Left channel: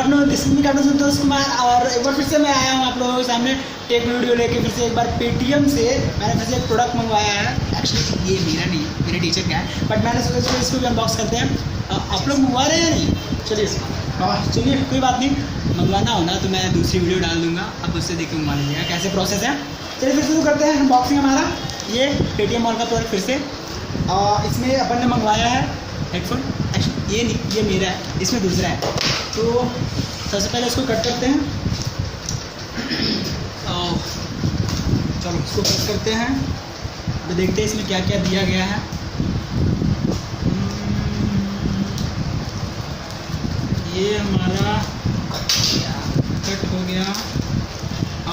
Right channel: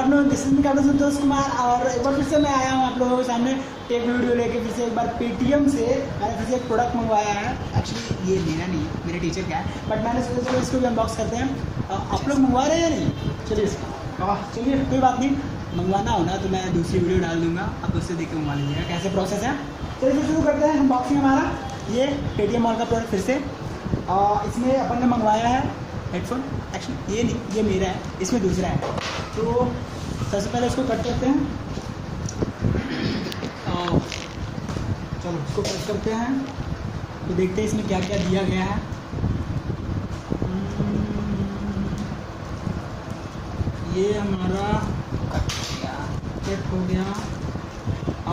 This is me Santosh Kumar और एक बार फिर से मैं आया हूँ आप लोगों के सामने टेक वीडियो लेके फिर से एक बार पेटीएम से मैंने फिर से एक प्रोडक्ट मंगवाया है। एक्चुअली ये मेरा नहीं, मेरे टीचर का है, बट मैंने सोचा इसको अनबॉक्स करते हैं। आप लोग मंगवा रहे हैं नहीं? चलिए कोई बात नहीं, मंगवाना होगा तो मैं दूसरी वीडियो डाल दूँगा, अब उससे देख के मंगवा लीजिएगा कैसे प्रोसेस है। चलिए फिर शुरू करते हैं अनबॉक्सिंग हमारा। ये पेटीएम मॉल का प्रोडक्ट फिर से इसमें अपन ने मंगवाया है हेडफोन। ये नहीं, ये मेरा है, इसमें दूसरा है। तो सबसे पहले इसको कट करते हैं। चलो इसको कट करते हैं, तो देखते हैं इसमें क्या क्या दिया गया है। ये हमारा कट हो गया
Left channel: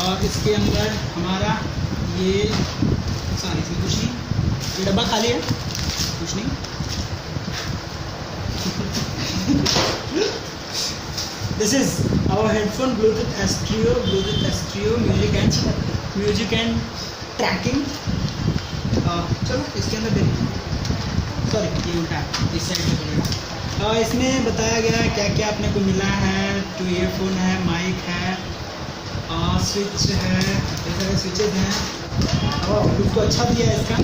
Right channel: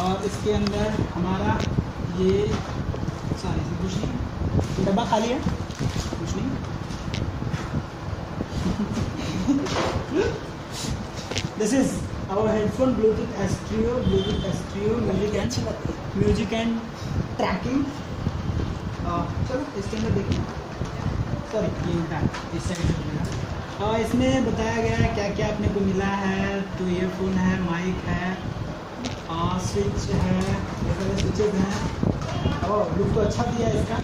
और इसके अंदर हमारा ये सारी इसमें कुछ नहीं, डब्बा खाली है, कुछ नहीं। This is our headphone Bluetooth Astrio music and tracking। चलो इसके अंदर सॉरी ये उठा इससे इसमें बताया गया है क्या क्या अपने को मिला है। तो ईयरफोन है, माइक है, स्विच है, डिफरेंट स्विचेस हैं और उसको अच्छा दिया है इसका।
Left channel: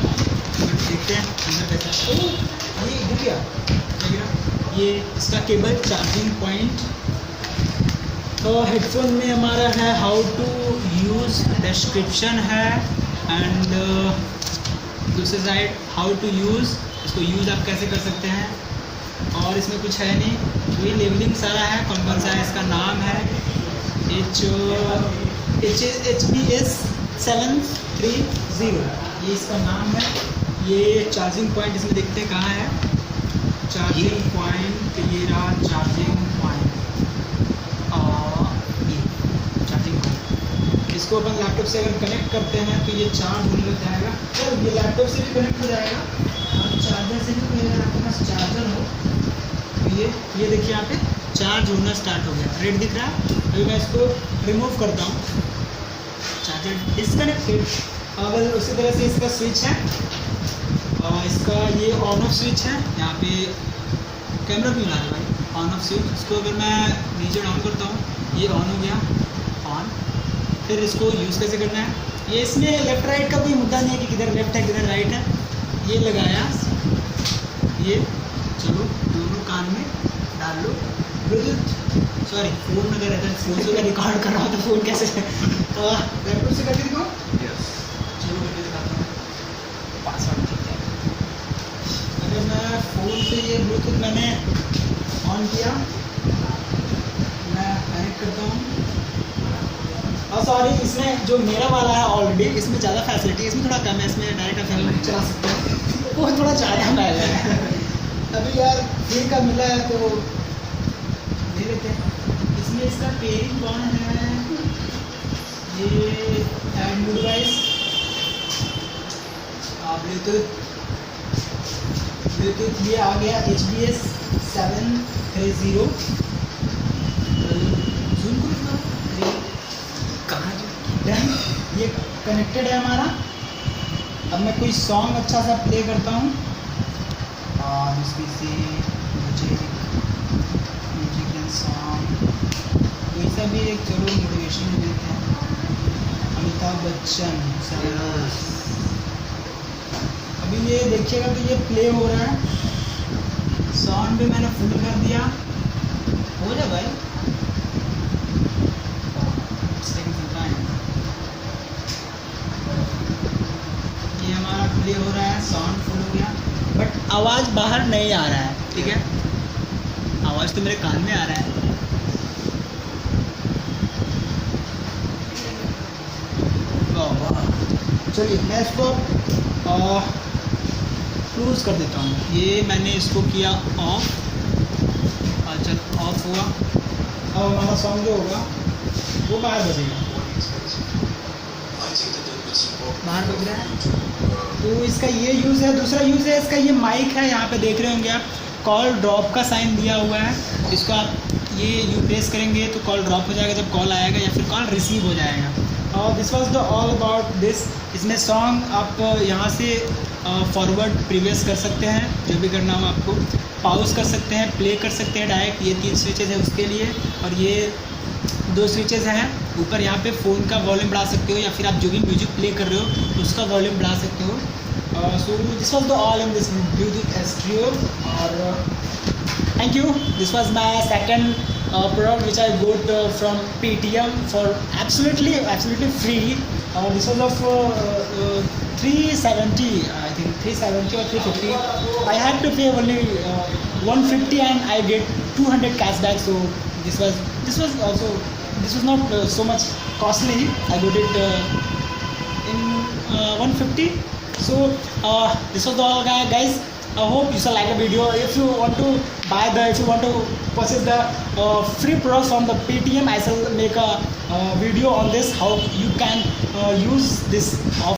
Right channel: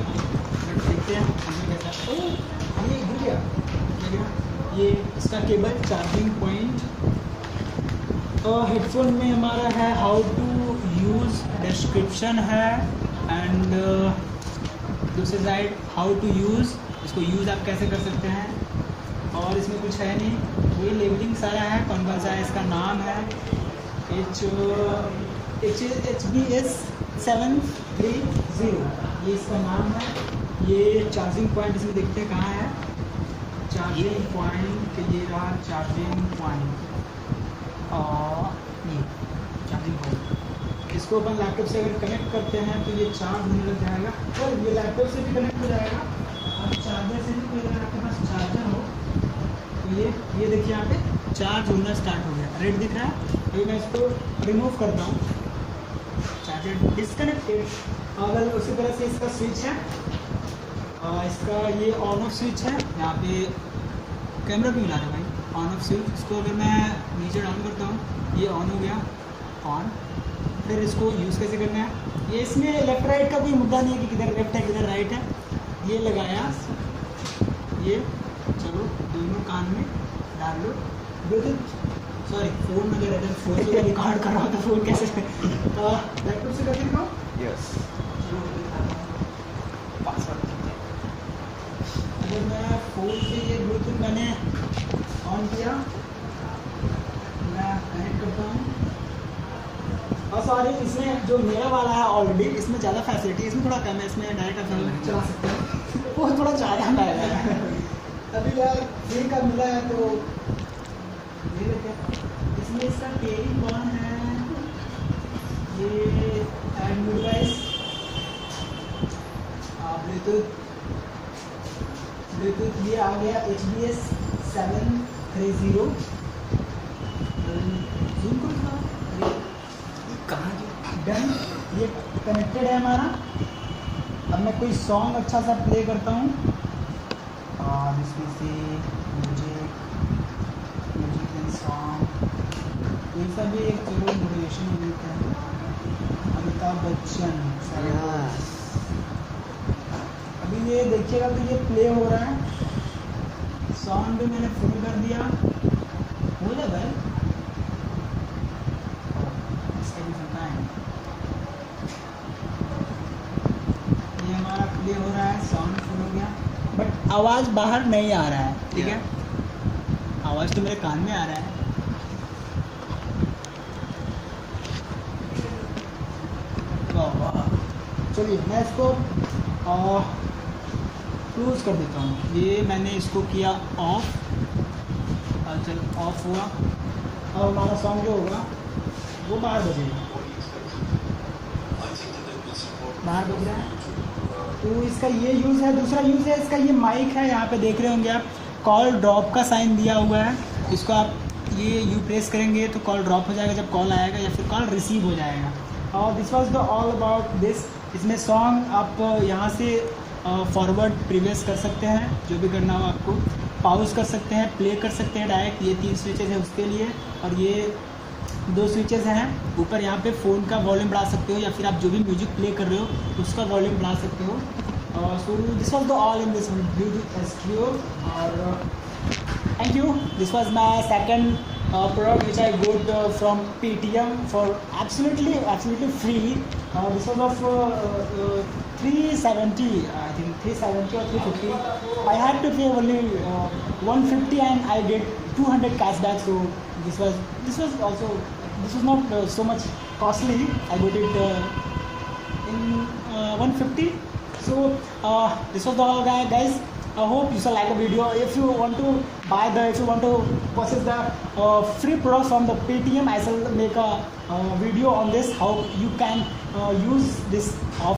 देखते हैं ये इसका केबल, चार्जिंग पॉइंट। तो हेडफोन में हमारा है हाउ टू यूज़, डिस्क्रिप्शन है एंड दूसरे साइड हाउ टू यूज़, इसको यूज़ आप कैसे कर सकते हैं। और इसमें कुछ है नहीं, ये लेबलिंग सारा है, कौन कौन सा है, इसका नाम है HBS 730, ये इसका नाम है। ये चार्जिंग पॉइंट इसमें देखते हैं कहाँ है, चार्जिंग पॉइंट ये रहा, चार्जिंग पॉइंट इसको अपन लैपटॉप से अगर कनेक्ट करते हैं तो ये चार्ज होने लग जाएगा। जब ये लैपटॉप से भी कनेक्ट हो जाएगा और चार्जर से भी कोई अगर आपके पास चार्जर हो तो ये देखिए यहाँ पे चार्ज होना स्टार्ट हो गया, रेड दिख रहा है। तो मैं इसको रिमूव करता हूँ, चार्जर डिस्कनेक्ट। अब उसी तरह से इसका स्विच है, इसका ये ऑन ऑफ स्विच है। यहाँ पे कैमरा क्यों ला रहे भाई, ऑन ऑफ स्विच। इसको अगर मैं नीचे डाउन करता हूँ ये ऑन हो गया, ऑन। फिर इसको यूज़ कैसे करना है, ये इसमें लेफ्ट राइट का कोई होता नहीं कि किधर लेफ्ट है किधर राइट है। ये लगाया, ये चलो कान में डाल लो, सॉरी फोन अगर रहता है फोन से रिकॉर्ड करना तो फोन कैसे लैपटॉप से करके दिखाओ। यस चलो मैं दिखाता हूँ, पासवर्ड देते हैं। मैं फ़ोन से ये ब्लूटूथ मैंने ऑन किया, मैं कनेक्ट करता हूँ। और सॉरी इसमें जो मेरा वाला है ऑलरेडी, इसमें ज़्यादा फैसिलिटी, इसमें थोड़ा कम है, इसमें डायरेक्ट अफेयर नहीं चला सकता, वो थोड़ा ज़्यादा पहले है। अभी यार फ्री का मिला है तो धीरे धीरे। इसमें इसका पेन कौन है, ये एंड्रॉइड ब्लूटूथ ये आ गया HBS 730। ये कनेक्टेड है हमारा। अब मैं कोई सॉन्ग अच्छा सा प्ले करता हूँ और इसमें से मुझे सॉन्ग कोई सा भी एक चलो इंग्लिशन में लेते हैं, अमिताभ बच्चन। अभी ये देखिएगा तो ये प्ले हो रहा है, साउंड भी मैंने फुल कर दिया, हो जा भाई। ये हमारा प्ले हो रहा है, साउंड फुल हो गया, बट आवाज़ बाहर नहीं आ रहा है, ठीक है, आवाज़ तो मेरे कान में आ रहा है। चलिए मैं इसको क्लोज कर देता हूँ। ये मैंने इसको किया ऑफ, अच्छा ऑफ हुआ। अब हमारा सॉन्ग जो होगा वो बाहर बजेगा, बाहर हो गया। तो इसका ये यूज़ है। दूसरा यूज़ है इसका, ये माइक है, यहाँ पे देख रहे होंगे आप, कॉल ड्रॉप का साइन दिया हुआ है। इसको आप ये प्रेस करेंगे तो कॉल ड्रॉप हो जाएगा जब कॉल आएगा, या फिर कॉल रिसीव हो जाएगा। और this was the all about this. इसमें सॉन्ग आप यहाँ से फॉरवर्ड प्रीवियस कर सकते हैं, जो भी करना हो आपको, पॉज कर सकते हैं, प्ले कर सकते हैं डायरेक्ट। ये 3 स्विचेज है उसके लिए। और ये दो स्विचेस हैं ऊपर, यहाँ पे फ़ोन का वॉल्यूम बढ़ा सकते हो या फिर आप जो भी म्यूजिक प्ले कर रहे हो उसका वॉल्यूम बढ़ा सकते हो। So this was the all in this Bluetooth SQ, और thank you. This was the second product which I bought from Paytm for absolutely free. This was of 370, I think 370 or 350. I had to pay only 150 and I get 200 cashback. So this was not so much costly. I got it in 150. So this was all, guys. I hope you shall like the video. If you want to purchase the free products on the Paytm, I shall make a video on this, how you can use this